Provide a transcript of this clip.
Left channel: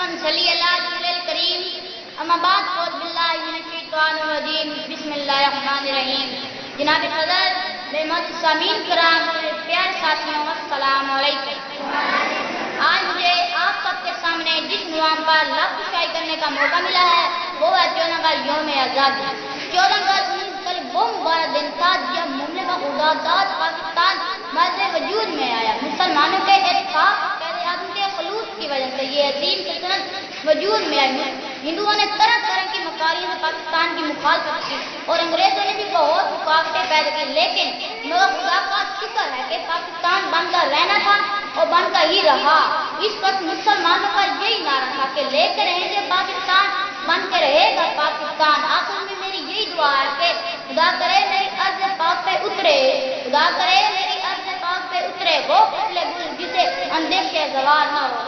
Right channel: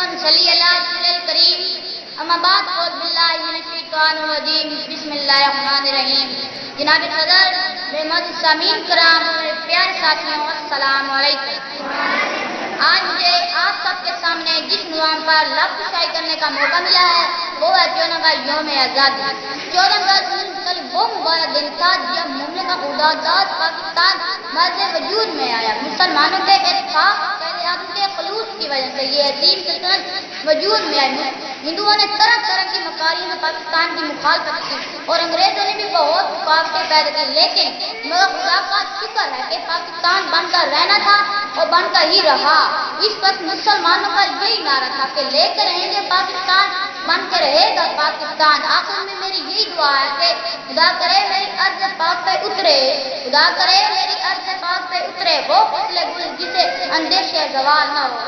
करीम अम्माबाद बिस्मिल्लाहिर्रहमानिर्रहीम। जनाब सदर, बेमौजूद सामीन कराम, मेरे प्यारे साथियों, अस्सलाम वालेकुम। आज मुझे आप सबके सामने जिस नुआम पर लफ्ज़ शायरी करने का मौका मिला है वो है 14 अगस्त यौम आज़ादी। 14 अगस्त वो मुबारक दिन था जब मुमलिका खुदादाद पाकिस्तान मर्द वजूद में आया। मुसलमानों के इत्तेफाक के खलूस की वजह से ये अजीम सल्तनत वजूद में आई। हिंदुओं ने तरह तरह की मकारियों से पाकिस्तान की मुखालफत की और अंग्रेजों ने भी बहुत रुकावटें पैदा की, लेकिन मगर खुदा का शुक्र है कि पाकिस्तान बनकर रहना था और बनकर ही रहा। इस वक्त मुसलमानों का यही नारा था कि लेकर रहेंगे पाकिस्तान, बन के रहेगा पाकिस्तान। आखिर में मेरी यही दुआ है कि खुदा करे मेरी अर्ज़ पाक पे उतरे, खुदा करे मेरी अर्ज़ पाक पे उतरे वो फसले गुल जिसे अंदेशे ज़वाल न हो।